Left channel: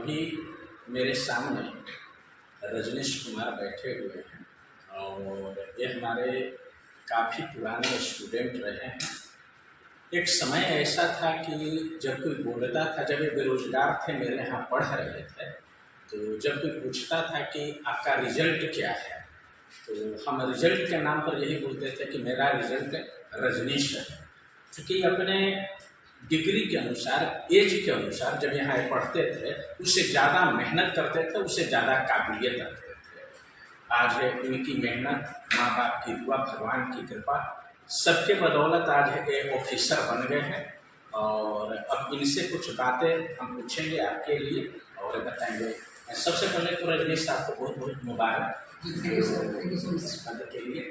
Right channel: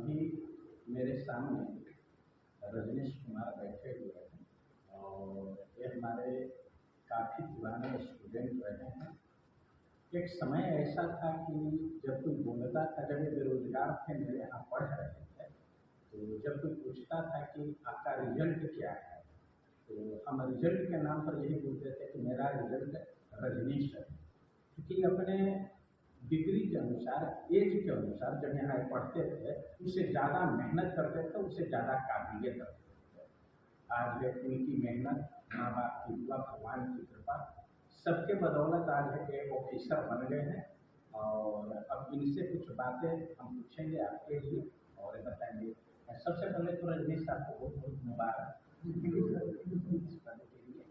अभी मेरे सामने रजनीश कुमार बैठे हुए हैं और ये हमारे काफ़ी पुराने स्टूडेंट रहे हैं। एक समय ऐसा था कि जब कोई बोलता था, जब ये बेरोजगार थे, मेरे यहाँ पढ़ रहे थे, तो जब कोई पूछता था कि आपका रिजल्ट क्या है, तो हम रिजल्ट के नाम पर यही बोलते थे कि मेरा रिजल्ट रजनीश है। क्योंकि अपने डिग्री के अनुसार, एज के अनुसार जब यहाँ पढ़ते थे, उससे ज़्यादा मेहनत करते थे, उससे ज़्यादा काबिलियत रखते थे। आज इनकी मेहनत, माँ बाप की दुआ, भगवान की कृपा, सबके बदौलत आज ये ऑफिसर बन गए हैं। और अब इनसे कुछ बातें हम पूछेंगे आपके लिए और बताएंगे। सबसे पहले तो रजनीश साहब को बहुत बहुत मुबारक इस पद के लिए।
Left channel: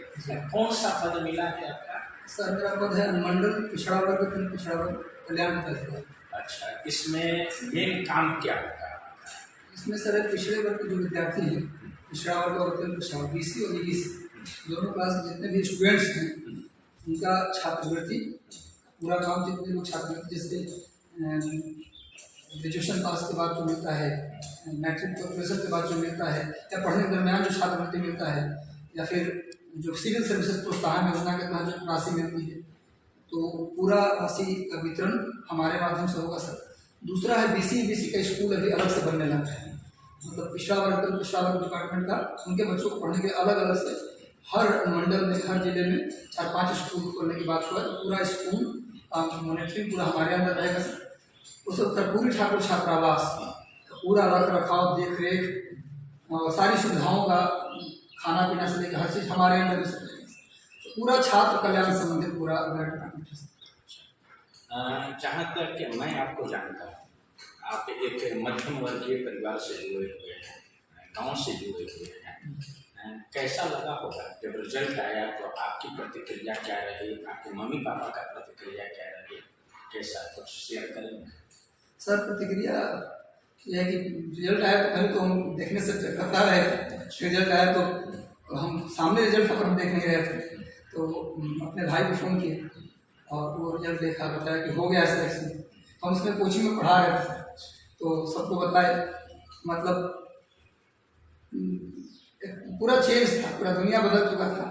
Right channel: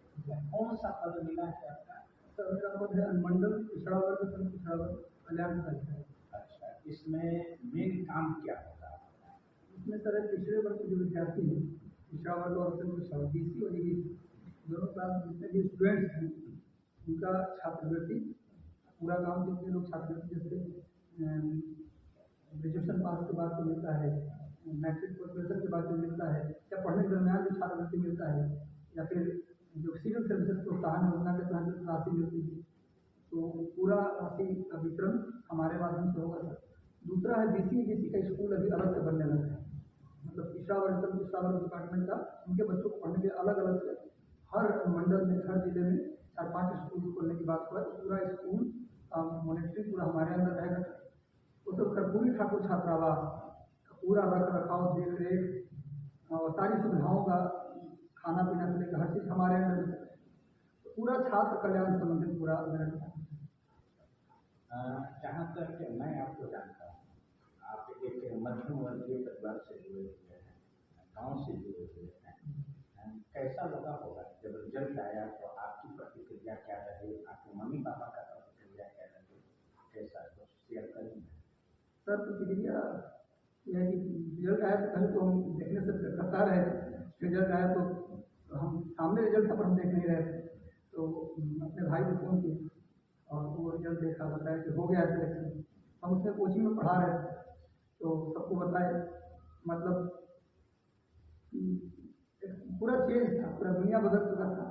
कौन सा पद मिला है आपका? सर मेरा पद है मंडल पिछड़ा वर्ग पिछड़ा वर्ग कल्याण अधिकारी। अच्छा, इसमें मेन काम क्या होता है? इसमें सर पिछड़े वर्ग के जो विद्यार्थी हैं, पिछड़ा वर्ग और पिछड़ा वर्ग, BC और EBC दोनों क्लास जितने भी स्टूडेंट्स हैं, उनका छात्रवृत्ति पूरा काम, जितने लोग छात्रवृत्ति जैसे ग्रेजुएशन पास के बाद जो मिलता है, मैट्रिक प्रोग्रेशन के बाद जो मिलता है, या पढ़ने के दरमियान जो छात्रवृत्ति मिलता है, या फिर जो सिविल सर्विसेज प्रोत्साहन योजना के तहत जो राशि मिलती है, तो पूरा राशि का वितरण हमारे माध्यम से होगा सर। दूसरा है BC EBC का स्कूल अभी अलग से बनने लगा है, मतलब पिछड़ा वर्ग डिपार्टमेंट का, उनके बच्चों को पढ़ने के अलग अलग से हर मंडल में, हर जिले में 4-5 स्कूल खोलने की बात हुआ है। पूरा स्कूल मॉनिटरिंग पूरा हमारे अंदर रहेगा सर। उस कर्पूरी ठाकुर छात्रावास पूरा रख रखाव, देख रेख और सारी सुविधाओं का, खाना पीना से लेकर हर चीज़ हमारे अंदर में तो पूरा छात्र कल्याण से संबंधित पूरा डिपार्टमेंट है। जहाँ तक कि मैं आपको जानता हूँ, आप एक मध्यम वर्गीय परिवार से जुड़े हुए हैं, गांव से जुड़े हुए हैं। कैसा लगा होगा जब रिजल्ट आया, तो आपकी प्रतिक्रिया क्या रही, आपके मम्मी पापा का प्रतिक्रिया क्या रही, कैसा कुछ शेयर करेंगे? सर प्रतिक्रिया यह है कि रिजल्ट आया तो पहले तो हम देखने से करता रहे, रिजल्ट आया तो हम सामने रिजल्ट पर हम देख नहीं रहे थे, तो अपने भाई को फ़ोन किए और वो रिजल्ट देखा, बताया कि हो गया सिलेक्शन। हम उसमें कोचिंग में पढ़ा रहे थे, तो सबको बताए, मतलब पूरा चेंज था, पूरा दुनिया बदल चुका था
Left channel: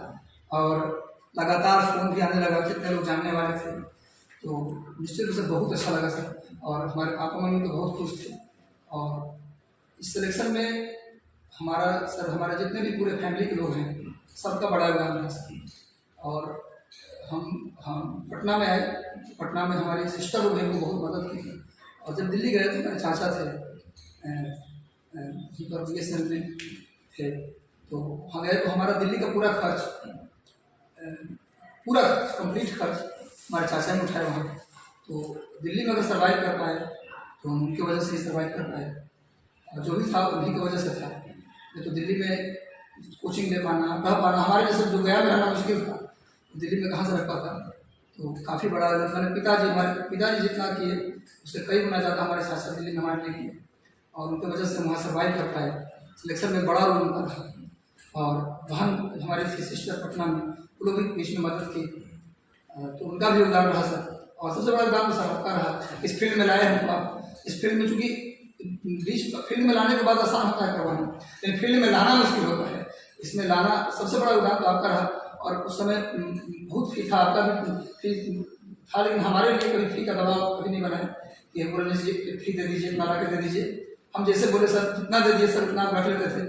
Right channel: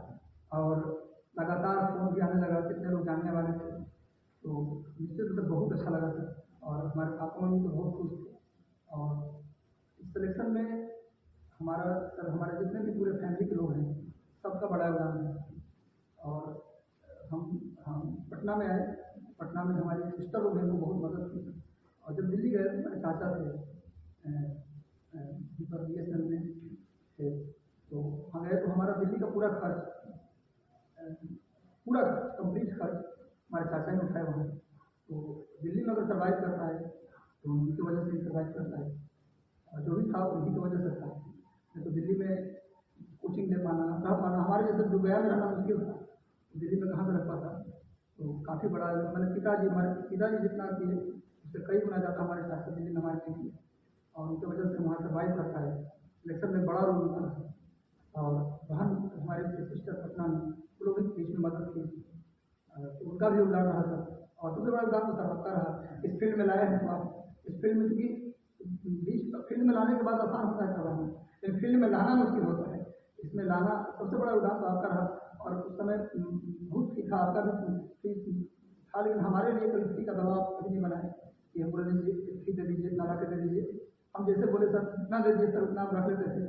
और लगातार फ़ोन भी आने लगा, कितने लोग जानने वाले थे, तो निश्चित रूप से बहुत अच्छा लगा सर। और हमारे पापा मम्मी तो बहुत खुश थे। और इस सिलेक्शन में हमारे जितने भी पूरे फैमिली के लोग हैं, सबका बड़ा योगदान है सर। और हम पटना में आए, पटना में हमारी सिस्टर लोग हैं, वो बहुत मदद की थी। और जब दिल्ली गए तो मेरे चाचा थे BSNL में थे, तो हम गए तो हमारा दिल्ली का पूरा खर्च कंप्लीट खर्च हमारे चाचा ने उठाया वहाँ। तो दिल्ली में अगर सर्वाइव कर पाए तो उनकी वजह से ही सर्वाइव कर पाए, और जो भी था उन्हीं की वजह से था। नहीं तो दिल्ली में कोचिंग ले पाना, रह पाना, हमारे जैसे जो गया में रहना मुश्किल था, दिल्ली में कहाँ से रह पाता। तो काफ़ी बड़ा मैंने हमारे पिताजी जितना किए उससे कई गुना ज़्यादा हमारे चाचा दिल्ली में हमारे लिए किए, और उनकी वजह से वहाँ सर्वाइव कर पाए। सिलेक्शन में बड़ा रोल उनका था। और बहन हमारी थी सिस्टर पटना में, वो लोग भी बीच में मदद की, तो उनका भी योगदान रहा सर। और सबसे बड़ा योगदान तो सर आपका रहा, इस फील्ड में लाए हमको आप। इस फील्ड में चूँकि बीच फील्ड में लाने के बाद आसान होता है करवाना, लेकिन फील्ड में लाना मुश्किल होता है। इसमें लाना सबसे बड़ा योगदान तो आपका रहा। और उस समय बहुत फी था, आपका भी फी था, लेकिन हमारे लिए कभी फी का दबाव कभी नहीं बनाया कि हम बोले फी दे दीजिए, इतना ला के दे दीजिए। हम जैसे बोले सर जितना दे दिए सर उतना आप रख लेते थे।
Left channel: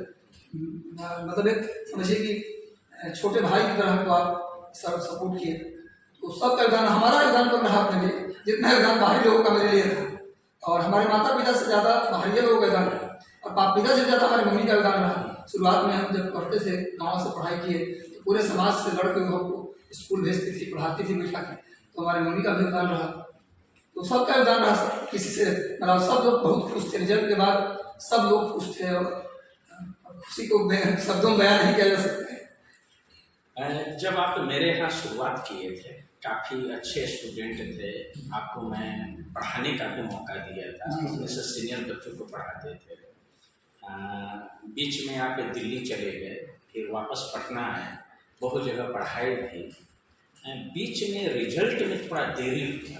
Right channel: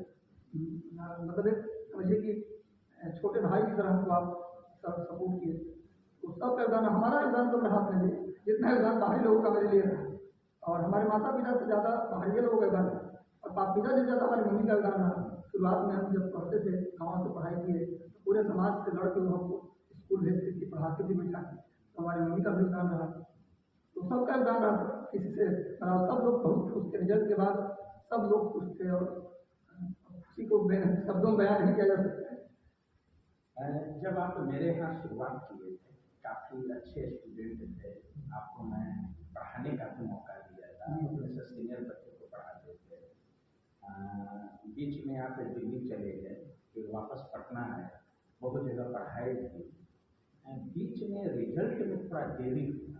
मतलब एक समझिए कि छोटे भाई की तरह हमको आप सर सपोर्ट किए। तो सबका योगदान, हमारा योगदान तो रहा अपने लिए, जितना योगदान बाहरी लोगों का मेरे लिए था। और हमारे माता पिता से ज़्यादा बाहरी लोगों का योगदान रहा, और बाप पिता से ज़्यादा हमारी मम्मी का योगदान रहा। शुरुआत में हम जब पढ़ते थे, गाँव से पढ़ाई किए, तो पूरे समाज से लड़ के वो हमको स्कूल भेजती थी, पढ़ाती थी बिठा के, तो हमारी मम्मी का भी योगदान रहा। तो सबका योगदान रहा। किसी से मतलब सब लोग बहुत खुश थे रिजल्ट के बाद, सब लोग खुश थे, और खुशी को शब्दों में बयान नहीं किया जा सकता। जब आप मेरे यहाँ शुरुआत किए थे, काफ़ी अच्छे स्टूडेंट थे, आपको मैं पढ़ाने का भी मौका दिया था, अपने से सीनियर बच्चों को पढ़ाते थे। बीच में आप दिल्ली चले गए, फिर वापस पटना आए, बहुत जगह पढ़ाई थी। बीच में रिजल्ट में थोड़ा देरी हुआ,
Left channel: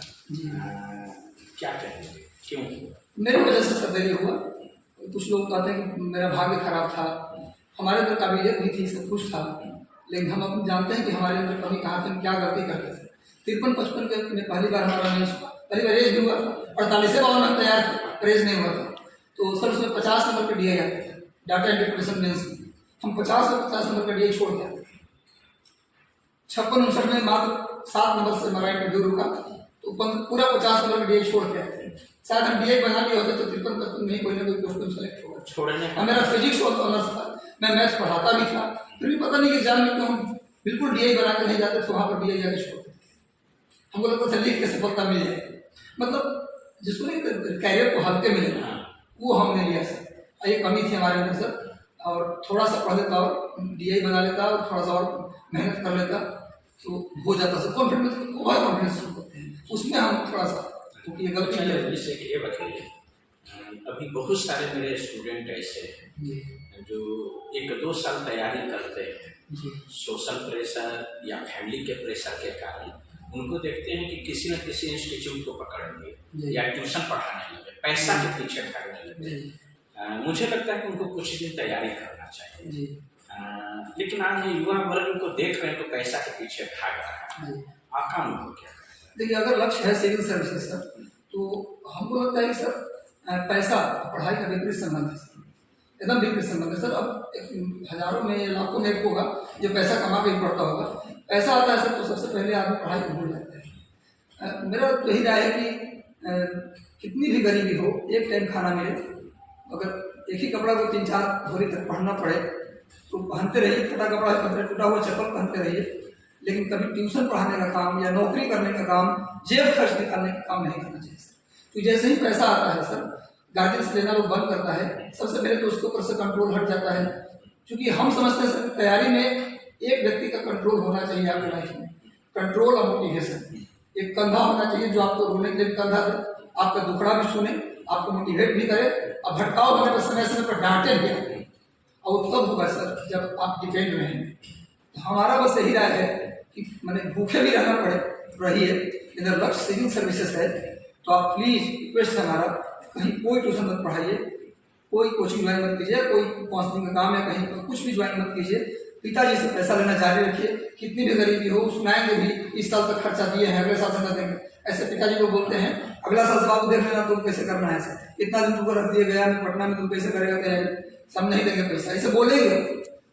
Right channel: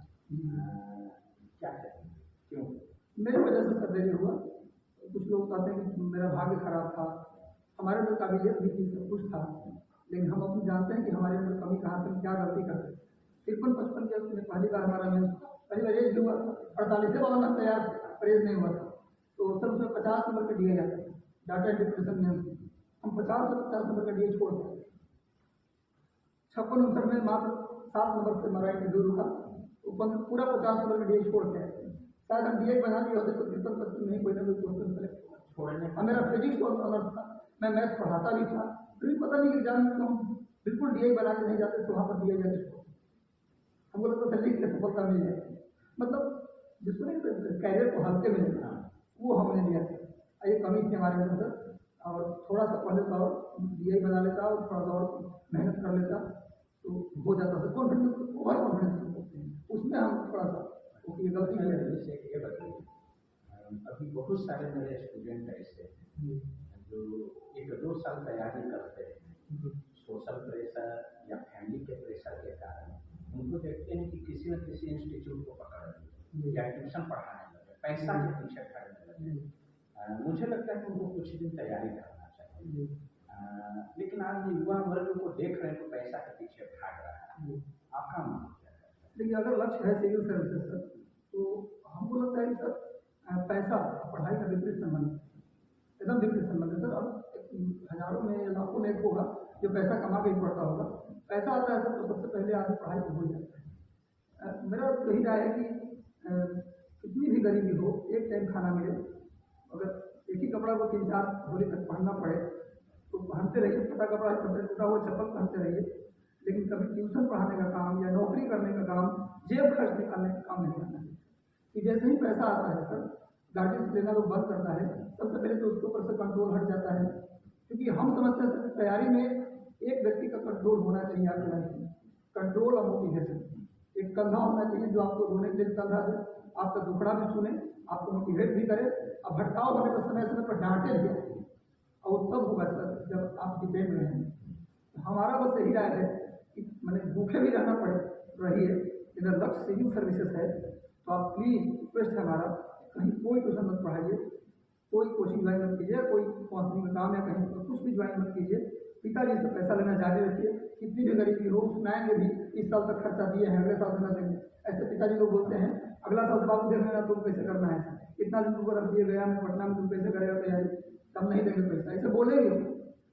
क्या कहेंगे, क्यों हुआ? मेरी वजह से सब देरी हुआ। तो कुछ लोग कहते हैं कि मेरा भाग्य खराब था, हमारे अंदर काबिलियत भी थी, सब कुछ था, लेकिन हम अपन जानते हैं कि हमारे अंदर कमी कहाँ थी, हम क्या गलती करते थे। 53-55 के में पहली बार हमारा मेंस हुआ, पहली बार रेज भी हुआ था, 48 में तैयार था, रेज नहीं हुआ था। तो सर उसमें 50 नंबर का DI आते थे, डाटा इंटरप्रिटेशन मेंस में हम 50 और 50 नंबर का DI छोड़ के आते थे। 56-59 में मात्र 7 नंबर से हमारा इंटरव्यू रुका, तो पूरा 50 नंबर का DI छोड़ के आए थे। शायद हम DI बना लिए होते तो 53-55 में कोई ना कोई क्वेश्चन सेलेक्ट होगा। छोड़ने मेरा फिजिक्स और ऑनर्स था, मैं मैथ्स पढ़ाता भी था, फिर भी पता नहीं कि एग्जाम में क्यों हम बिल्कुल DI बना के नहीं जाते थे, वहाँ पर DI जाके छोड़ते थे। हमको लगता था लिख के सफलता मिल जाएगी, मतलब जिसको कैरियर को हल्के मिले वो हमने लिया सर। ये कमी थी हमारे अंदर सर, और थोड़ा सा पढ़ लेता और DI बना लेता और थोड़ा सा और मेहनत कर लेता तो हो जाता सर। कॉन्फिडेंस ओवर कॉन्फिडेंस होते हैं उसमें हम थोड़ा सा, क्योंकि ये गलती है। जैसे कि ये बताइए, अभी बहुत सारे मेरे स्टूडेंट ऐसे हैं जो 1-2 साल तैयारी करते हैं, सोशल प्रेशर या फैमिली के प्रेशर के कारण उनको देखते हैं कि किसी न किसी इंस्टीट्यूट को पकड़ लिए या ट्यूशन पढ़ाने लगे, पैसा के पीछे भागने लगे। मुझे लगता है कि उनको कुछ दिन तैयारी करना चाहिए, लेकिन आज ये युवा वर्ग उनको देख रहे हैं तो पैसा के पीछे भाग रहा है। आपका अनुभव क्या है? देखिए, अगर लक्ष्य है सिविल सर्विसेज सर, तो हमको लगता है कि सर पैसा पढ़ाई का विपरीत संबंध है, एकदम विपरीत संबंध है सर। अब हजारों में लाखों में एक होगा जो पैसा कमा के ही पढ़ता होगा, पैसा आता है सर तो सबसे पहले आदमी पढ़ाई को भूल जाता है। मेरा तो यही राय है कि कितनी भी गरीबी हो, एक टाइम खाना मिले, अगर एक ही कपड़ा को 3-4 भरी तक पहनना पड़े तो पहनते रहिए, फटा कपड़ा टूटा हुआ चप्पल पहनते रहिए, लेकिन कभी ट्यूशन पढ़ाने का काम या नौकरी करने का काम, जेब खर्च निकालने का काम नहीं करना चाहिए सर। तो जैसे ही पैसा आता है सर, गार्जियन से लेना लोग बंद करता है, सबसे पहले तो उसके ऊपर से कंट्रोल हट जाता है। क्योंकि हम समझते हैं सर तैयारी में एक व्यक्ति का कंट्रोल होना चाहिए आपकी लाइफ में, कंट्रोल और मोटिवेशन। एक कंधा होना चाहिए जो आपको रोने के लिए कंधा दे, आपका दुखड़ा भी सुने, आपको मोटिवेट भी करे, और भटकाव होने पर समय समय पर डांटे भी। और तब होगा सर जब आप डिपेंड रहेंगे। तो हमारा बस यही राय है कि मैंने भूखे भी रहना पड़े रहिए, इधर लक्ष्य सिविल सर्विसेज है तो आप प्लीज़ रिक्वेस्ट है हमारा, कहीं कोई ट्यूशन मत पढ़ाइए, कोई कोचिंग ज्वाइन मत कीजिए, कोई काउंसलिंग का काम या कहीं कुछ भी ज्वाइन मत कीजिए। पिताजी से पैसा लेना जारी रखिए, कितनी भी गरीबी हो सुनाएंगे भी, इस साल तक खर्चा दिए हैं, अगले साल से न देंगे, ऐसे पिताजी लोग बोलते हैं। अगला साल से बाबू देख लेना तुम कैसे करना है सर, इतना दिन तुमको रख दिया गया में पटना में, तुम कैसे करेगा तैयारी, सब नहीं देंगे पैसा, ऐसे बोलेंगे।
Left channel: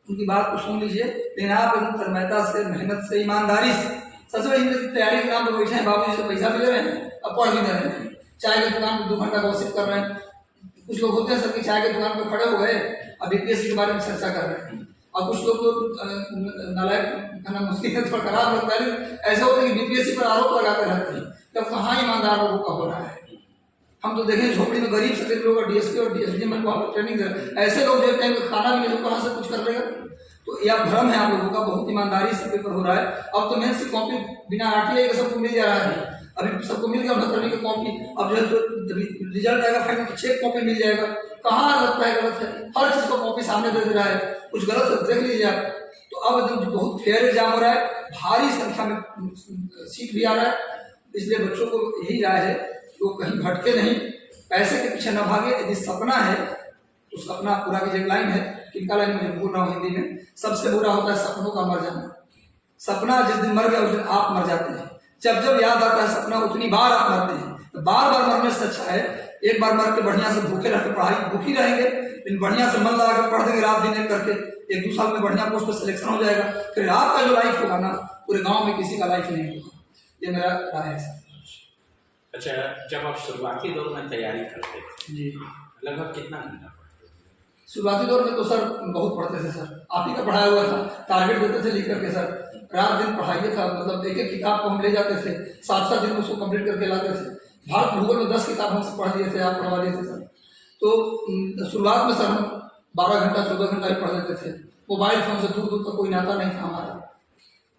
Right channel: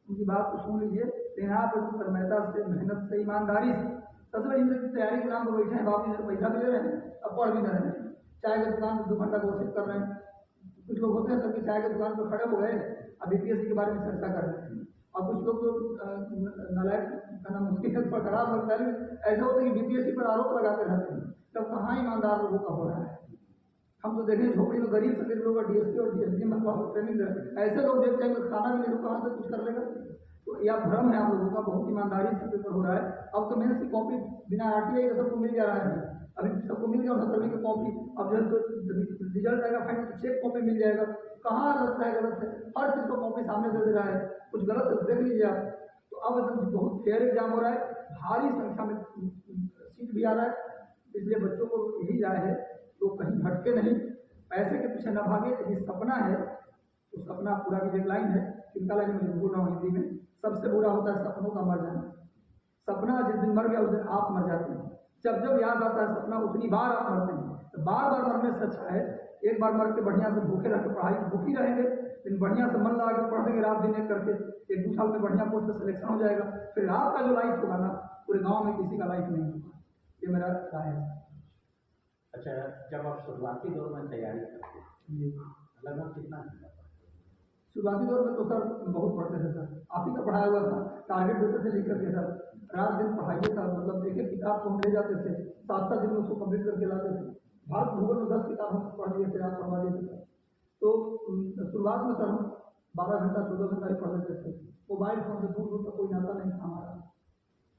उनकी बात को सुन लीजिए, लेकिन आप एकदम तन्मयता से, मेहनत से, ईमानदारी से, सबसे बड़ी तैयारी के नाम पर बैठे हैं, बाबू जी से पैसा भी ले रहे हैं और पढ़ भी दे रहे हैं। चाय की दुकान पर 2 घंटा गॉसिप कर रहे हैं। कुछ लोग होते हैं सर कि चाय की दुकान पर खड़े हो गए, अब BPSC के बारे में चर्चा कर रहे हैं, और कुछ लोग तो नालायक कहना मुश्किल है, थोड़ा खराब लगता है, ऐसा होता है कि BPSC पर आरोप लगाते रहते हैं, तब कहाँ ईमानदार लोगों का हो रहा है। हम तो देखें झोपड़ी में गरीब से गरीब लोग DSP और DSD में वहाँ पर ट्रेनिंग दे रहे हैं, ऐसे लोग जो टाइम में खाना भी नहीं तो कहाँ से कुछ कर लेगा। तो यह भ्रम है आप लोगों का, बहुत ईमानदारी से पेपर हो रहा है। अब तो मेंस की कॉपी बिना RTI के सबको मिल जा रहा है, अभी सबको मिल गया 69वीं की कॉपी, अब जो रिजल्ट आएगा फाइनल तो चेक कॉपी मिल जाएगा। कहाँ लगता है गलत है, हर चीज़ को कॉपी सामने दे रहा है, कुछ गलत है देख लीजिए आप। तो अब एकदम बहुत फेयर एग्जाम हो रहा है, भारी संख्या में सीट भी आ रहा है, इसलिए बच्चों को यही राय है कि वो कहीं भटके नहीं, पैसे के पीछे न भागे। यदि सपना है तो सपना पूरा कीजिए। एक लाइन है, किनका लाइन मुझे बोल रहा हूँ हिंदी में, सबसे बुरा होता है सपनों का मर जाना। सपना जिस दिन मर गया उस दिन आप मर जाते हैं, जब जब याद आता है सपना उतनी बार आप मरते हैं। तो बार बार मरने से अच्छा है एक बार मर के बढ़िया से भूखे रह के पढ़ाई भूखी रहेंगे, लेकिन बढ़िया से मन लगा कर पढ़ देंगे रात दिन एक करके, 1-2 साल में बढ़िया पोस्ट पर सिलेक्शन हो जाएगा। फिर आपका जो लाइफ होगा ना, पूरे गाँव में किसी का लाइफ नहीं होगा। ये मेरा राय है सर। अच्छा, जब आप शुरुआती दौर में तैयारी करते थे जी, लगभग कितना घंटा पढ़ते थे? शुरुआती दौर में तो सर बहुत पढ़ते थे सर, आप ही का पढ़ाया हुआ था, टारगेट देते थे लिख करके सर, रात दिन पढ़ाइए था। मतलब एक किताब को हम ले जाते थे, 7-7 दिन उसको कंप्लीट करके लाते थे। भारत भूगोल में 10 किताब हमसे पढ़ दिए थे, आप पढ़वा दिए थे सर। तो शुरुआत में सर हम 12 घंटा 14 घंटा ही पढ़ लेते थे। मोबाइल फ़ोन से दूर दूर तक कोई नाता नहीं था हमारा।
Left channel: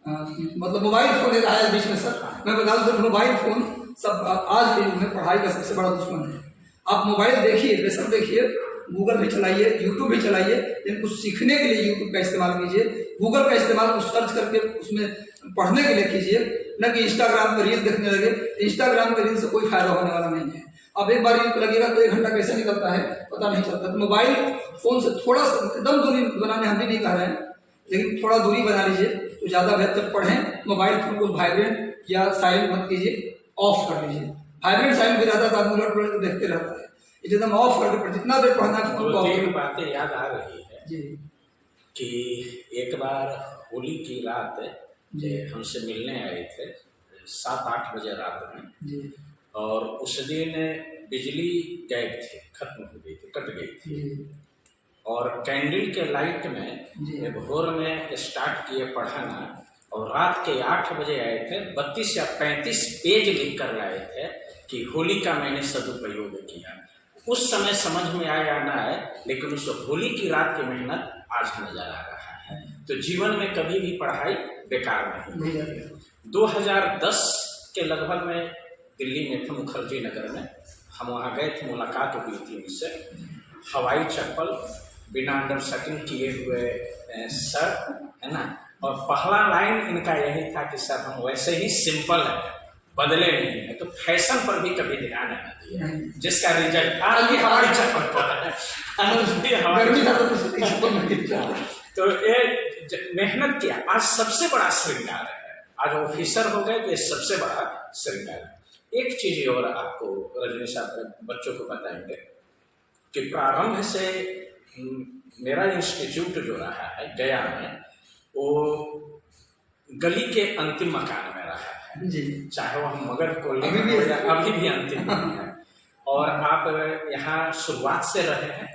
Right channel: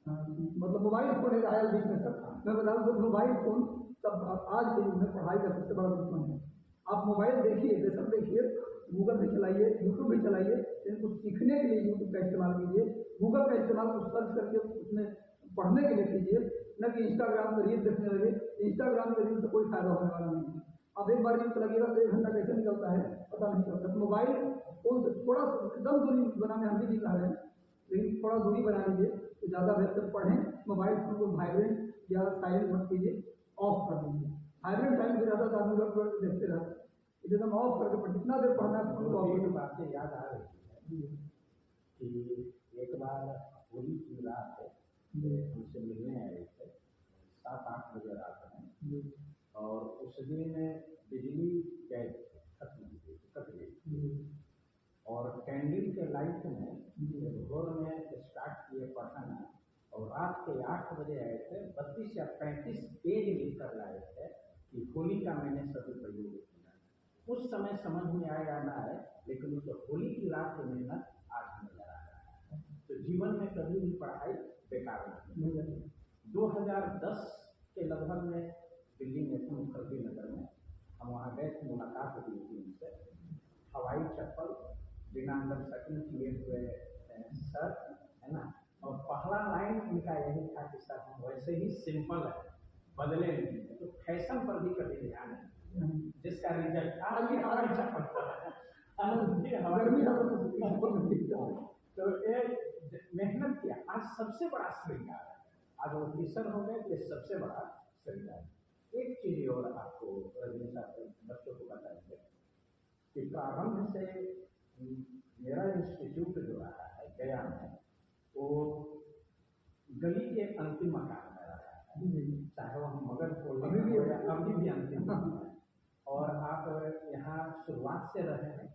मतलब मोबाइल फ़ोन एक आया बीच में सर, मैं बता दूँ सर, मोबाइल फ़ोन सब आज के युग में पढ़ाई का सबसे बड़ा दुश्मन है। आप मोबाइल देखिए, बेशक देखिए, गूगल भी चलाइए, यूट्यूब भी चलाइए, लेकिन कुछ सीखने के लिए यूट्यूब का इस्तेमाल कीजिए, गूगल का इस्तेमाल कुछ सर्च करके उसमें पढ़ने के लिए कीजिए, न कि इंस्टाग्राम पर रील देखने लगे। इंस्टाग्राम पर रील से कोई फायदा होने वाला नहीं है। अब एक बार लगेगा तो 1 घंटा कैसे निकलता है पता नहीं चलता। तो मोबाइल फ़ोन से थोड़ा सा एकदम दूरी बनाने हम भी नहीं कह रहे हैं, लेकिन थोड़ा दूरी बना लीजिए तो ज़्यादा बेहतर। पढ़ें, मोबाइल फ़ोन को वाइब्रेंट या साइलेंट मत कीजिए, ऑफ कर लीजिए। वाइब्रेंट साइलेंट भी रहता था, आदमी उलट पलट देखते रहता है, एकदम ऑफ करके जितना देर पढ़ना है फोन को ऑफ। 2-3 बातें याद आ रही है जी कि एक बार होली की रात जी हमसे मिलने आए थे 7-8 बजे रात में, जी और उस दिन बिजली गायब थी, खत्म हो गई थी, कट गई थी। जी और कैंडल के लाइट में जी भोर में स्टार्ट किए पढ़ाना, और रात के 8 बजे आए थे। 32 या 35 पेज लिख कर लाए थे कि होली का मैंने सदुपयोग किया। उस समय समझ में आया ना आए, लेकिन उस होली की रात की मेहनत आज नजर आ रहा है। तो जीवन में कभी भी पढ़ाई बेकार नहीं। 2010 के लगभग में दिल्ली में थे, मुखर्जी नगर में, हम वहाँ गए थे, मुलाकात हुई थी उनसे। हवाई चप्पल, बिना अंडरशर्टिंग किए हुए सर, है ना, और पहला लाइन इनका यही था कि सर हम वैसे ही सिंपल है, बदले नहीं है। तो फैशन पर भी कभी ध्यान नहीं दिया, जिसका रिजल्ट आज भी हवाई चप्पल पर है। तो ये मेहनत किया, आज सबसे बड़ा श्रृंगार है। आज ऑफिसर हो गए तो ये सबसे बड़ा श्रृंगार है। एक चीज और आपको रजनी साहब बच्चों को बताएंगे कि प्रारंभ से मेरा इंस्टीट्यूट जो रहा है गया में, वो गली के अंतिम मकान में रहा है जी, चाहे वो हम मगध कॉलोनी में हो या अभी भी अंतिम है। और आप यहाँ शुरुआत से रहे हैं,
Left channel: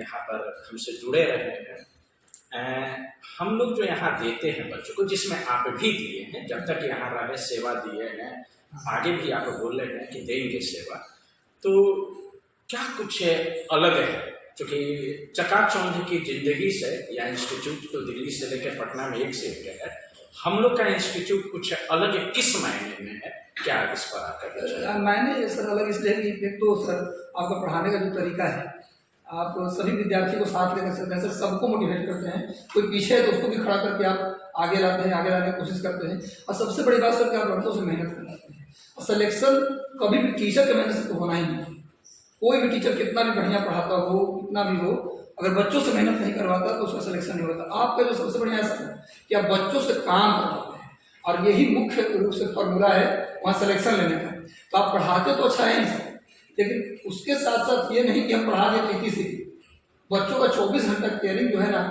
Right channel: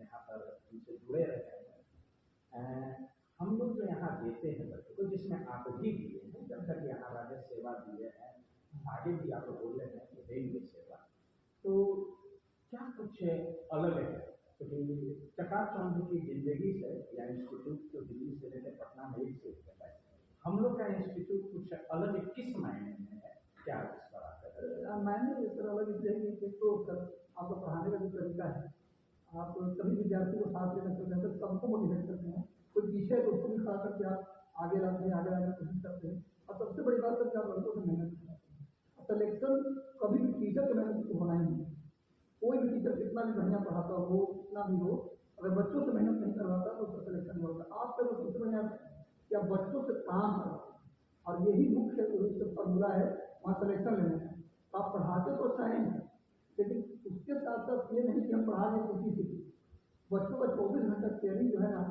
यहाँ पर हमसे जुड़े रहे हैं। हम लोग जो यहाँ देते हैं बच्चों को, जिसमें आप भी दिए हैं, जब तक यहाँ रहे सेवा दिए हैं, आगे भी आप बोल रहे हैं कि देंगे सेवा, तो क्या कुछ अलग है? क्योंकि चकाचौंध की जिंदगी से, या इंस्टीट्यूट तो दिल्ली से लेकर पटना में एक से एक है, हम लोग का इंस्टीट्यूट कुछ अलग किस मायने में है? क्या इस पर आकर मायने सर अलग इसलिए कि एक तो सर आपका पढ़ाने का जो तरीका है, आप सभी विद्यार्थी को साथ लेकर चलते हैं सर, सबको मोटिवेट करते हैं। कोई पीछे है तो उसको भी खड़ा करके आप आगे लाते हैं, आगे लाने की कोशिश करते हैं। और सबसे बड़ी बात सर कि आप लड़कों से मेहनत करवाते हैं। और सिलेक्शन कभी भी टीचर के मेहनत से तो होना ही नहीं। कोई भी टीचर कितना भी बढ़िया पढ़ाता हो, कितना भी हो, अगर बच्चों से मेहनत नहीं करवाता तो उसका सिलेक्शन नहीं होता। आपका जो सबसे बढ़िया ऐसा है कि आप बच्चों से काम करवाते हैं, और यही मुख्य रूप से फॉर्मूला है वहाँ सिलेक्शन लेने का। तो आप पढ़ाते तो अच्छा है ही सर, लेकिन उसके साथ साथ ये नहीं कि हम पढ़ा के पीटी से बच्चों का 24 घंटा केयरिंग जो है ना,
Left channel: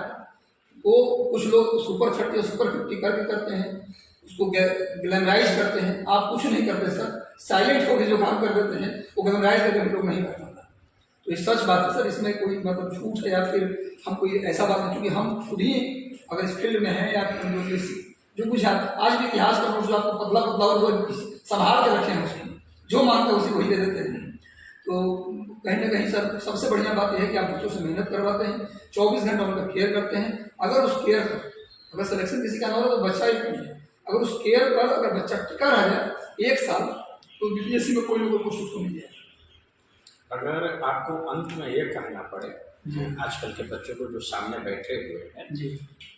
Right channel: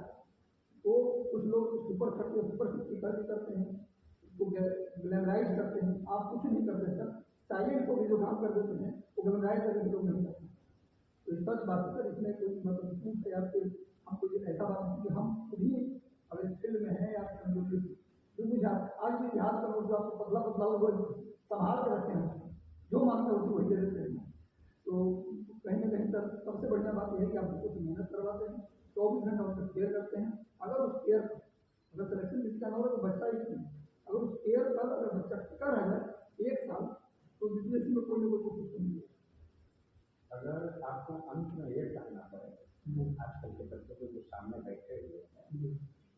वो कुछ लोग सुपर 30 सुपर 50 करके करते हैं, उसको ग्लैमराइज करते हैं। आप कुछ नहीं करते सर, साइलेंट होकर जो काम कर देते हैं वो ग्लैमराइज करके हम लोग नहीं कर पाता। तो ये सच बात है सर, इसमें कोई मतलब झूठ है या फिर हम कोई ऐसा बात नहीं, क्योंकि हम खुद ही अगर इस फील्ड में हैं या जो कुछ आज भी इतिहास का नोट जो आपको पतला पतला और संभाल के रखे हैं, उसमें जो मांगते हैं उसी वही दे देते हैं। तो कहीं ना कहीं सर सबसे बढ़िया बात यह है कि आप बच्चों से मेहनत करवाते हैं, 24 घंटा उनका केयर करते हैं। अगर उस केयर पर अगर सिलेक्शन किसी का ना हो तो बच्चा ही नहीं है, अगर उस केयर पर अगर बच्चा टिका रह जाए 1 साल तो बीपीएससी में कोई लोगों को उसको नहीं है। अगर आपको अंत में ये कहना पड़े आजकल के बच्चों को जो सामने बैठे हुए हैं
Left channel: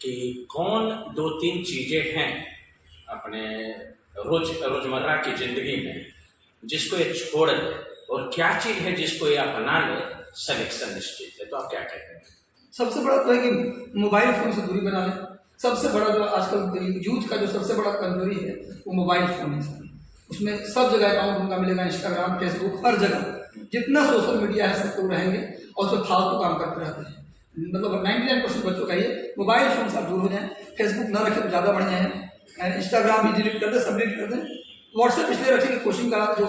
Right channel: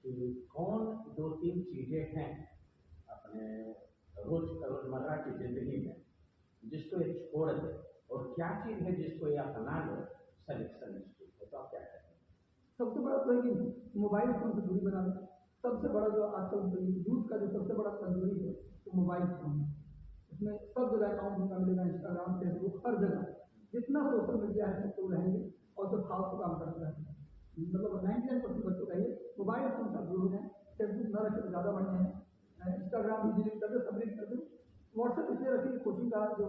कि कौन 2-3 चीजें हैं अपने रोजमर्रा की जिंदगी में जिसको ये छोड़ दे, और क्या चीज है जिसको ये अपना ले, सिलेक्शन निश्चित है, तो आप क्या कहते हैं? सबसे बड़ा तो है कि मोबाइल फोन से दूरी बना लें। सबसे बड़ा जो आजकल यूथ का जो सबसे बड़ा कमजोरी है वो मोबाइल फोन है। उसमें सब जगह अकाउंट उनका मिलेगा, इंस्टाग्राम, फेसबुक, हर जगह जितना सोशल मीडिया है सब तो रहेंगे, और उसमें फालतू काम करते रहते हैं। मतलब 99% बच्चों का ये मोबाइल फोन से दूर हो जाए। फेसबुक ना रखें तो ज़्यादा बढ़िया है, इंस्टाग्राम भी डिलीट कर दें, सब डिलीट कर दें। व्हाट्सएप इसलिए रखें कि कोचिंग का जो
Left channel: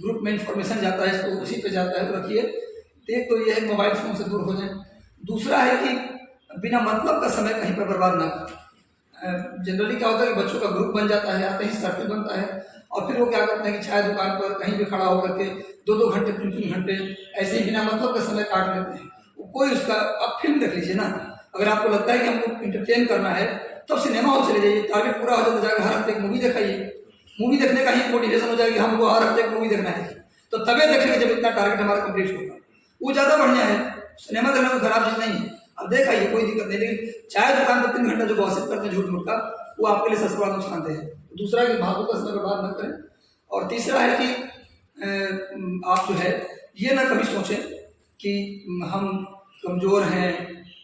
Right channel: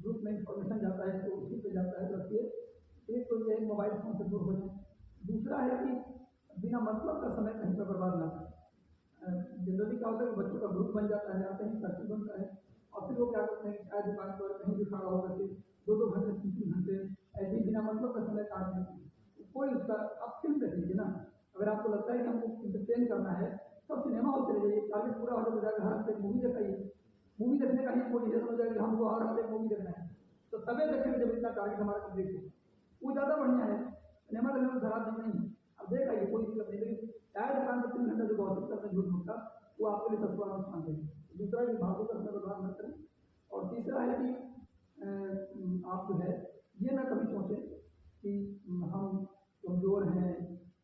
ग्रुप में इंफॉर्मेशन जाता है तो उसी पे जाता है, तो रखिए। एक तो ये है मोबाइल फोन से दूर हो जाए। दूसरा है कि बिना मतलब का समय कहीं पर बर्बाद ना करें। जनरली क्या होता है कि बच्चों का ग्रुप बन जाता है, आते ही सर्कल बनता है, और फिर वो क्या करते हैं कि चाय दुकान पर कहीं भी खड़ा होकर के 2-2 घंटे 3-3 घंटे ऐसे ही बिना मतलब का समय काट लेते हैं। कोई उसका आप फिल्म देख लीजिए ना, अगर आपको लगता है कि हमको इंटरटेन करना है तब सिनेमा हॉल चले जाइए, टारगेट पूरा हो जाता जाएगा, हर हफ्ते एक मूवी दिखाइए। मूवी देखने का ही मोटिवेशन हो जाएगी, हमको हर हफ्ते एक मूवी देखना है, तो तबे देखेंगे जब इतना टारगेट हमारा कंप्लीट होगा। वो ज़्यादा बढ़िया है, सिनेमा देखना कोई खराब चीज़ नहीं है, अब देखाइए कोई दिक्कत नहीं। लेकिन चाय दुकान पर 3 घंटा जो गॉसिप करते हैं झूठ मूठ का, वो आपके लिए सबसे बड़ा नुकसानदेह है। दूसरा है कि भावों का समय बर्बाद न करें। और तीसरा है कि आप जो है ये ना कभी सोचें कि हम कमज़ोर हैं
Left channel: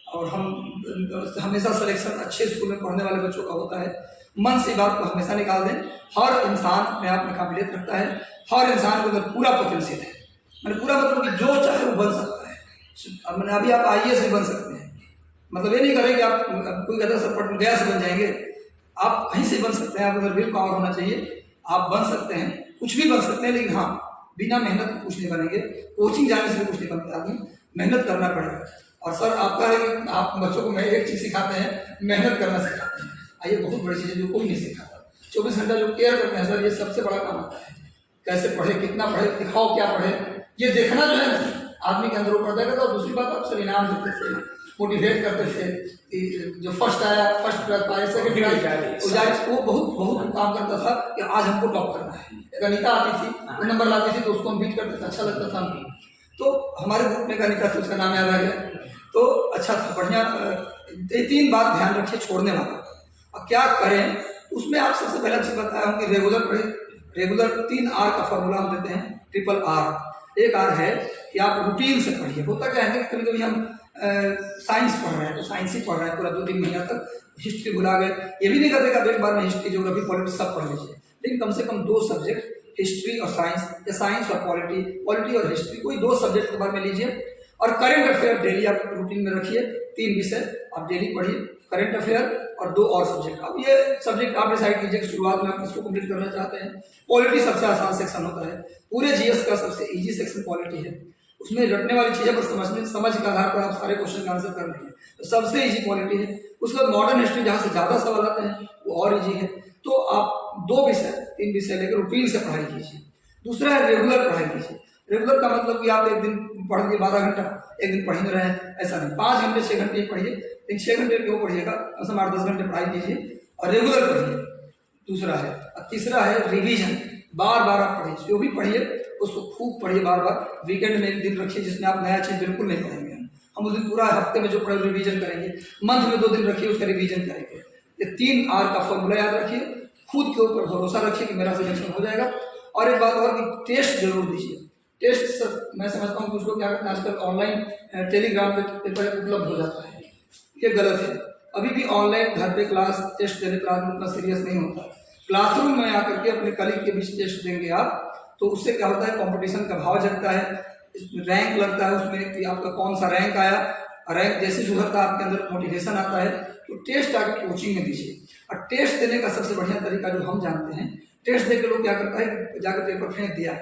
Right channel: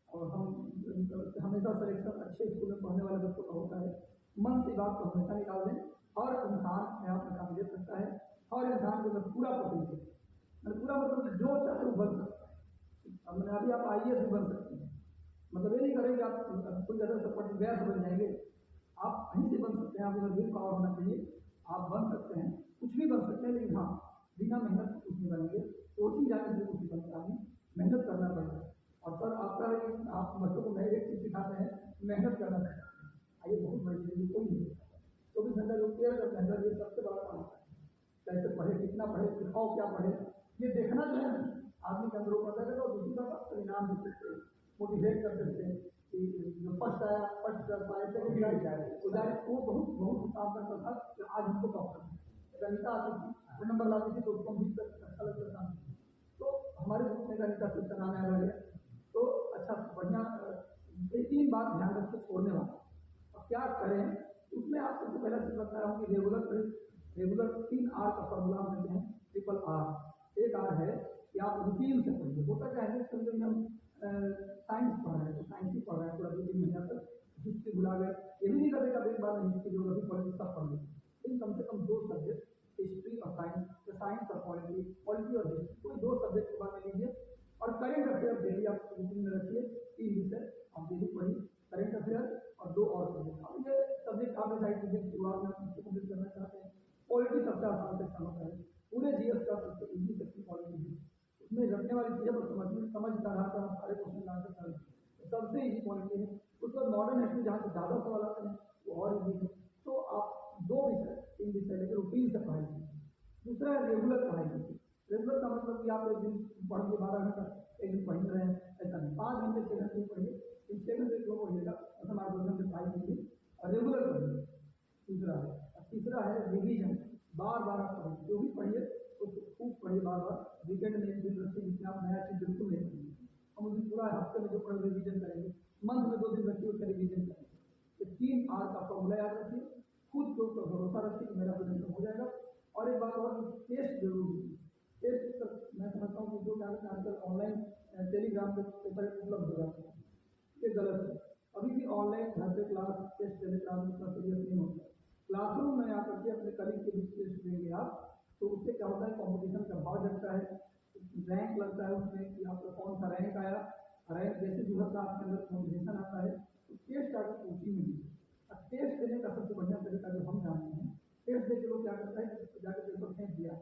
और हम हमेशा सिलेक्शन अच्छे स्कूल में पढ़ने वाले बच्चों का होता है। मन से बात को हमेशा निकाल दें। हर इंसान अपने आप में काबिलियत रखता है, हर इंसान को अंदर पूरा पोटेंशियल है। मैंने पूरा मतलब कि जो चाहे वो बन सकता है। मैंने अभी आप IAS भी बन सकते हैं, मतलब ये नहीं करें कि आप कोई कहता सर पट गया से बन जाएंगे, आप कहीं से बन सकते हैं। आप अगर विल पावर होना चाहिए, आप बन सकते हैं, कुछ भी बन सकते हैं। लेकिन हाँ, बिना मेहनत के कुछ नहीं बनेंगे। कोचिंग जाने से भी कुछ नहीं बनता आदमी, मेहनत करना पड़ेगा। और सर आपका है कि आप बच्चों को मैं एक चीज़ सिखाते हैं, मेहनत करना सिखाते हैं। ये बहुत बड़ी चीज़ है जो कोई नहीं सिखाता। 24 घंटा जो केयर करते हैं सर, ये सबसे बड़ा काम आता है। कैसे पढ़े, कितना पढ़े, दिखाओ क्या पढ़े, ये देखना जो है आदमी के अंदर वो पड़ता है। और दूसरी बात, आप सर इनाम देते थे, मोटिवेट करते थे कि जो फर्स्ट आया, फर्स्ट प्राइज पाए, सेकंड प्राइज, वो बहुत काम करता था कि आज हमको टॉप करना है। एक अनीता आती थी, वो नंबर लाती थी तो उसको हम बीट करते थे, अच्छा लगता था हमको। तो हमारे ग्रुप में एक अनीता थी, उसका नाम याद आ गया, तो अच्छा था, बढ़िया। 3 बात ध्यान रखिए छोड़ने वाला। अब क्या करें उसमें, आप सबसे पहला चीज़ बताया हूँ कि रेगुलर पढ़े। रेगुलर 3 R का फॉर्मूला हम देते हैं, ट्रिपल R। एक R है कि आप रूटीन से पढ़िए। होता क्या है कि कभी कभी हम साइंस पढ़ रहे हैं तो साइंस ही पढ़ रहे हैं पूरा 2-3 महीना तक, हिस्ट्री भुला गए। ये भी नहीं करते कि आप एक बार में हिस्ट्री, ज्योग्राफी, पॉलिटिक्स सब पढ़ लीजिए, लेकिन कम से कम 2 सब्जेक्ट, हिस्ट्री और साइंस, या साइंस और पॉलिटी और हिस्ट्री, कोई 2 सब्जेक्ट के बारे में लीजिए। और करंट अफेयर डेली आप रूटीन में रखिए। 3 विषय आप डेली पढ़िए, करंट अफेयर और 2 और सब्जेक्ट। अब ये सब्जेक्ट आप डिसाइड कीजिए कि शुरुआत में आप इसको कंप्लीट करना चाहते हैं। पॉलिटी सबसे आसान सेक्शन होता है, पूरे GS का सबसे इजी सेक्शन पॉलिटी है। उसमें रटने वाली चीज़ें पर समझ के आधार पर आप सारे क्वेश्चन का आंसर कर लेंगे, तो सबसे इजी पॉलिटी है। उसके बाद मॉडर्न हिस्ट्री, जहाँ से ज़्यादा सवाल आते हैं, वो और इजी है। तो आप 2 विषय, 3 विषय लेकर रूटीन से पढ़ाई कीजिए। दूसरा है रेगुलर पढ़ाई कीजिए। रेगुलर का मतलब कि आप एक दिन पढ़ लिए 12 घंटा, एक दिन पढ़ ही रहे हैं, ऐसा नहीं। 5 घंटे 6 घंटे ही पढ़िए, लेकिन 6 घंटे क्यों पढ़िएगा, कम से कम 8-10 घंटे पढ़ाई कीजिए और रेगुलर पढ़िए। दूसरा है। और तीसरा है रिवीजन। बार बार आप पढ़िए, जो भी पढ़िए उसको खूब पढ़िए बार बार। वीकेंड में एक दिन रखिए जिसमें आप नया चीज़ बिल्कुल नहीं पढ़ेंगे, हम उस दिन पूरा हफ्ते में जो पढ़े रिवीजन करेंगे। मंथ में 2 दिन रखिए, उसका रिवीजन करेंगे। ये 3 R का फॉर्मूला याद रखिए, खुद के ऊपर भरोसा रखिए कि मेरा सिलेक्शन हो जाएगा। और एक बात और कि टेस्ट जरूर दीजिए। टेस्ट सर मैं समझता हूँ कुछ लोग क्या करते हैं आजकल, ऑनलाइन टेलीग्राम पे पेपर उपलब्ध हो जाता है, ये गलत है। अभी भी ऑनलाइन घर पे क्लास टेस्ट देने पर आदमी उतना सीरियस नहीं होता। क्लासरूम में आकर के अपने कलीग के बीच टेस्ट देंगे आप, तो उससे क्या होता है, कंपटीशन का भाव जगता है, रैंक लगता है उसमें कि आपका कौन सा रैंक आया। रैंक जैसे सुधरता है आपके अंदर मोटिवेशन आता है। तो टेस्ट आकर कोचिंग में दीजिए। और टेस्ट देने का सबसे बढ़िया तरीका जो हम जानते हैं, टेस्ट देकर लोग क्या करता है, जाकर पेपर फेंक दिया,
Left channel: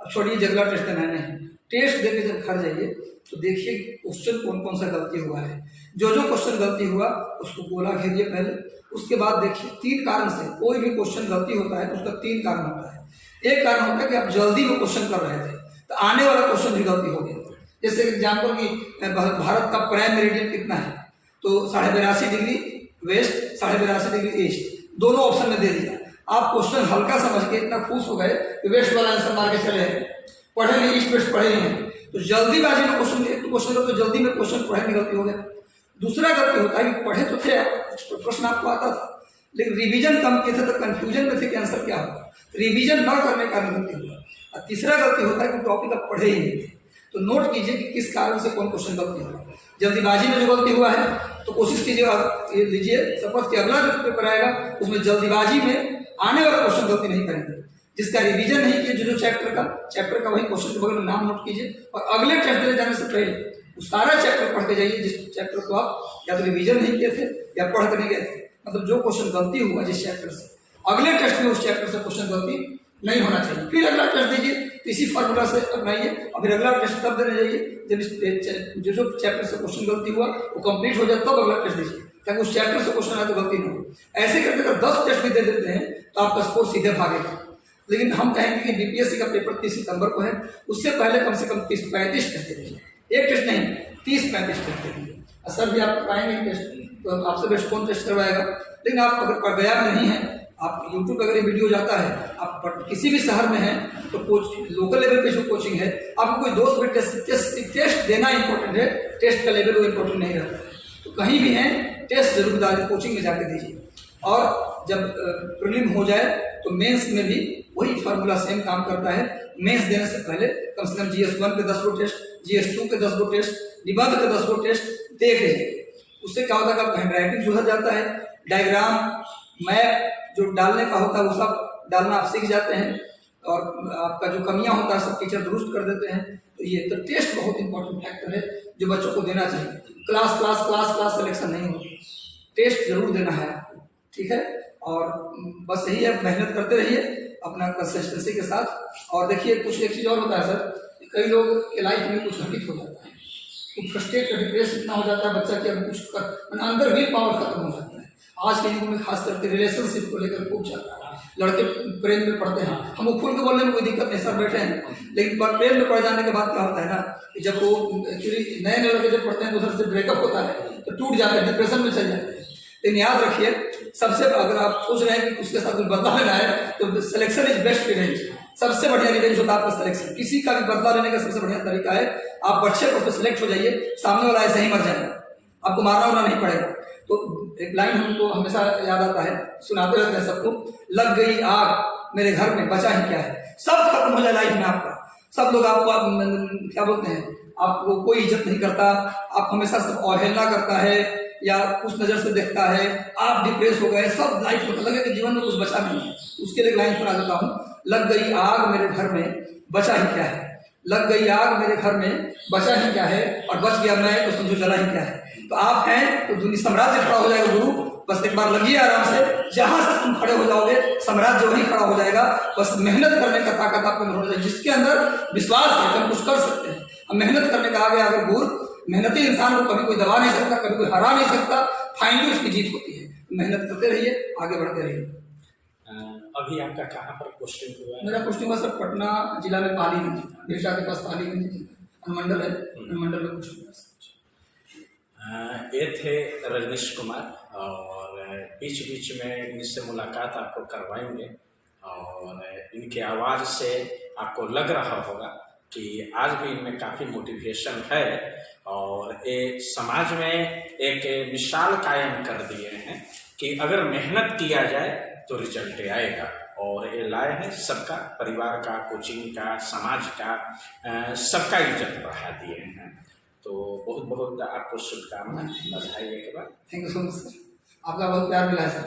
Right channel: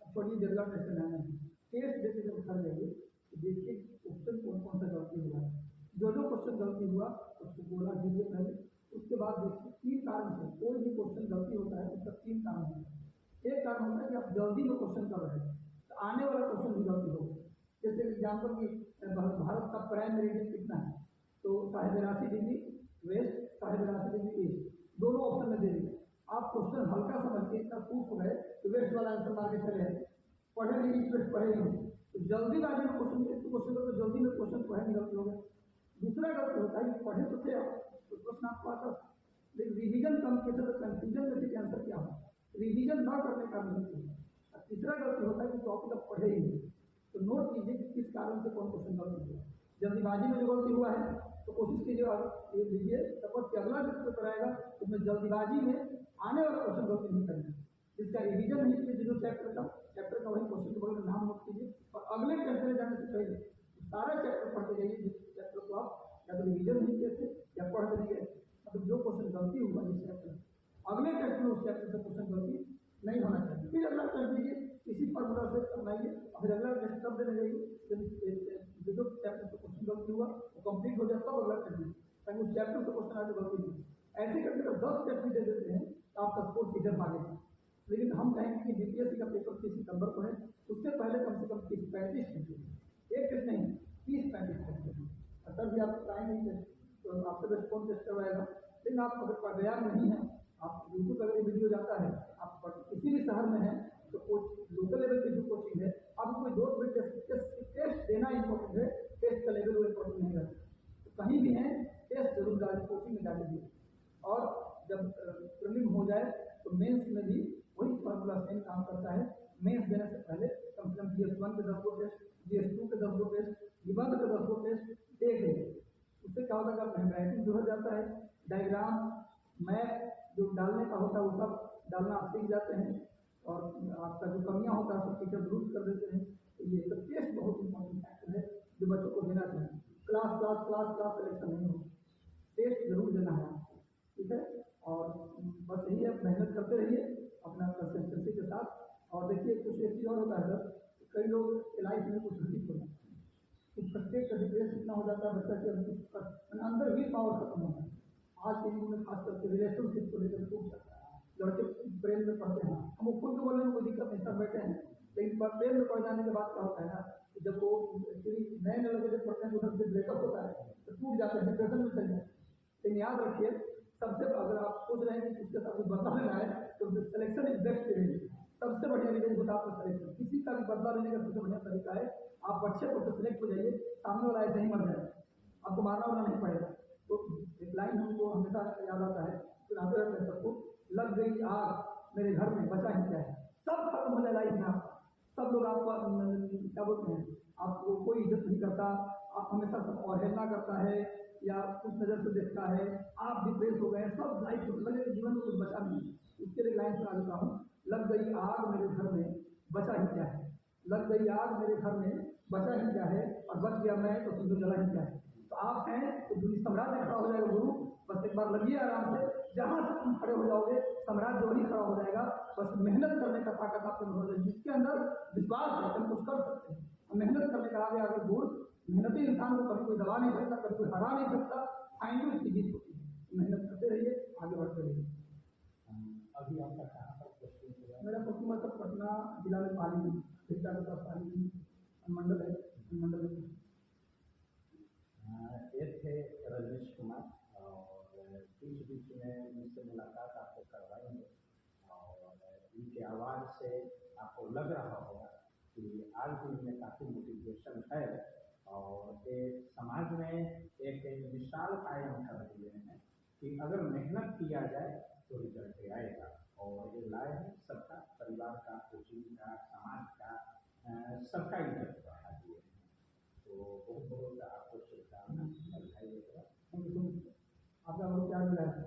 अब छोड़िए जगला टेस्ट देना नहीं। टेस्ट देकर जब घर जाइए तो देखिए क्वेश्चन कौन कौन सा गलती हुआ है। जो क्वेश्चन गलती हुआ उसको गोला घेरिए पहले। उसके बाद देखिए 3 कारण से कोई भी क्वेश्चन गलती होता है तो उसका 3 कारण होता है। एक कारण होता है कि आप जल्दी में क्वेश्चन कर रहे थे तो आने वाला क्वेश्चन भी गलती हो गया। जैसे एग्जाम्पल कि भारत का प्राइम मेरिडियन कितना है, तो 82.5 डिग्री वेस्ट, 82.5 डिग्री ईस्ट, दोनों ऑप्शन में दे दिया। आप क्वेश्चन हल्का समझ के इतना खुश हो गए कि वेस्ट वाला आंसर मार के चले हैं, पढ़े नहीं, ईस्ट वेस्ट पढ़े नहीं। तो जल्दीबाजी में क्वेश्चन तो जल्दी में क्वेश्चन पढ़े नहीं, गलती हो गया। दूसरा गलती होता है कि पढ़े तो थे, प्रश्न आपको आता था, लेकिन रिवीजन कम किए थे तो कंफ्यूजन में थे कि आंसर क्या होगा, रिवीजन न करने का गलती हुआ। और तीसरा गलती होता है कि टॉपिक आप पढ़े ही नहीं थे। तो नोट कीजिए कि किस कारण से कौन क्वेश्चन गलती हुआ। जल्दीबाजी में जो गलती हुआ है तो कोशिश कीजिए, लीजिए शपथ कि अगला जो पेपर आएगा उसमें जल्दीबाजी में आने वाला क्वेश्चन गलती नहीं करेंगे। जिसका रिवीजन नहीं किया, जो चैप्टर का वही क्वेश्चन के बगल में नाम नोट कीजिए और अगले चैप्टर जाने से पहले वो सारा चैप्टर पढ़ के जाइए जिस चैप्टर को आप या तो रिवीजन नहीं किए थे या पढ़ कर नहीं गए थे। मतलब जो क्वेश्चन गलती हुआ जिस चैप्टर से, अगले टेस्ट में उस चैप्टर से क्वेश्चन गलती नहीं होना चाहिए। फिर अगला टेस्ट दीजिए, इसी फार्मूला से अपनाइए और फिर अगला टेस्ट तब देने जाइए जब इस जो चैप्टर से क्वेश्चन गलती हुआ वो कंप्लीट हो जाए, तब अगला टेस्ट दीजिए ताकि उस चैप्टर से क्वेश्चन आए तो गलती नहीं हो। ऐसे करके अगर 10 टेस्ट भी दे देते हैं तो आपका स्कोर सीधे भागेगा। लेकिन हम कहेंगे कि BPSC का पेपर 30 सितंबर को है, उससे पहले कम से कम 30-35 टेस्ट दे दीजिए, एक टेस्ट नहीं 30-35 टेस्ट दे दीजिए। सर भी आप कराएंगे टेस्ट तो आपसे बेस्ट कौन टेस्ट करवाएगा। लेकिन आप अगर पढ़ में नहीं है, आप यूट्यूब पर अगर ये वीडियो जाता है, आप किसी भी शहर में हैं तो लोकल लेवल पे जो कोचिंग है, आपको कोई दोस्त भी टेस्ट देना इंपॉर्टेंट है, टेस्ट का लेवल वो इंपॉर्टेंट नहीं रहता है। तो कहीं भी हैं टेस्ट जरूर डालिए, कोचिंग में जाके दीजिए। और जब प्रीलिम हो जाए तो मेंस में भी वही फार्मूला सेम काम करता है। मेंस देने से पहले कम से कम GS1 के 10 गो टेस्ट, GS2 के 10 गो टेस्ट, निबंध के 10 गो टेस्ट देख लीजिए। उससे क्या होता है कि हैंड राइटिंग सुधर जाता है, डायग्राम मैप जो डालने का होता है वो सब डालना आप सीख जाते हैं, और आपका जो कमियां होता है सब टीचर दुरुस्त कर देते हैं। तो ये तो टेस्ट बहुत इंपॉर्टेंट फैक्टर है जो बच्चों को देना चाहिए। Class class class class selection नहीं हो, टेस्ट जरूर देना है आपको, ठीक है। और बस यही है, मेहनत करते रहिए अपना कंसिस्टेंसी के साथ। और देखिए कुछ एक चीज़ और होता है सर, कई लोग के लाइफ में कुछ घटित हो जाता है, तो फ्रस्ट्रेट डिप्रेस इतना हो जाता है बच्चा कि अब कुछ कर अंदर विल पावर खत्म हो जाता है। आज के युग में खास करके रिलेशनशिप को लेकर खूब चलता है, लड़के प्रेम में पड़ते हैं, हम वो खुल के बोलने में कोई दिक्कत नहीं, सर बैठे हैं, लेकिन प्रेम में पड़ जाने के बाद क्या होता है ना कि जब वो एक्चुअली नए नए लड़के जब पढ़ते हैं तो उधर से ब्रेकअप होता है तो टूट जाते हैं, डिप्रेशन में चल जाते हैं। लेकिन याद रखिए, सबसे अगर आप सोच रहे हैं कि उसके साथ कुछ बदला लेना है तो सिलेक्शन इज बेस्ट रिवेंज, सबसे बढ़िया रिवेंज होता है आपका सिलेक्शन। किसी का भी बदला लेने का सबसे बढ़िया तरीका है आप अच्छे कोर्स पे सिलेक्ट हो जाइए, सामने वाला ऐसे ही मर जाएगा, आपको मारना वारना नहीं पड़ेगा। तो एक लाइन हमको हमेशा याद आता है, सुनाते रहते हैं सबको, लग गई आग मेरे घर में बचा ही क्या है। सब खत्म हो जाए लाइफ में आपका, सब लोग आपको क्या बोलते हैं, आपको कोई इज्जत नहीं करता, आप हमेशा सब अवहेलना करता है या उस नज़र से देखता है, आप डिप्रेस हो गए, सब लाइफ में लगे कि जीवन में कुछ बचा नहीं है। उसके लिए लाइन सुना देता हूँ, लग गई आग मेरे घर में बचा ही क्या है, लग गई आग मेरे घर में बचा ही क्या है, और बच गया मैं तो समझो जला ही क्या है। तो आप हैं तो दुनिया साम्राज्य खड़ा हो जाएगा गुरु, बस एक बार लगिए आराम से, जहां से तुम खड़े हो जाओगे साम्राज्य वहीं खड़ा हो जाएगा। बस मेहनत करने का ताकत आपको होना चाहिए, जिसके अंदर विश्वास है हम कुछ कर सकते हैं। हम मेहनत करने का आगे अगर गुरु, मेहनती इंसान को कभी कोई दबा नहीं सकता, कभी कोई हरा नहीं सकता, फाइनली उसकी जीत होती है। मेहनत करते रहिए, आगे बढ़ते रहिए। अभी आपका कहाँ पर पोस्टिंग हुआ है? मेरा पोस्टिंग हुआ सर पटना जिला में पालीगंज, बेटा के पास पालीगंज अनुमंडल है, अनुमंडल में कुछ। ये थे रजनीश कुमार, और बीच बीच में इनसे मुलाकात आपको करवाएंगे, और इनके आवाज़ से आपको लग रहा होगा कि आज भी इनमें काफ़ी मोटिवेशन है, और ये समाज में एक मिसाल कायम कर दिए हैं कि अगर मेहनत किया जाए तो रिजल्ट आएगा। और ये लाए हैं सबका, परिवार का, कोचिंग का, समाज का, सबका इज्जत बढ़ा दिए हैं। तो बहुत बहुत आपको शुभकामनाएं, बधाई एक बार। Thank you so much sir, आपका बहुत प्यार मिला है सर।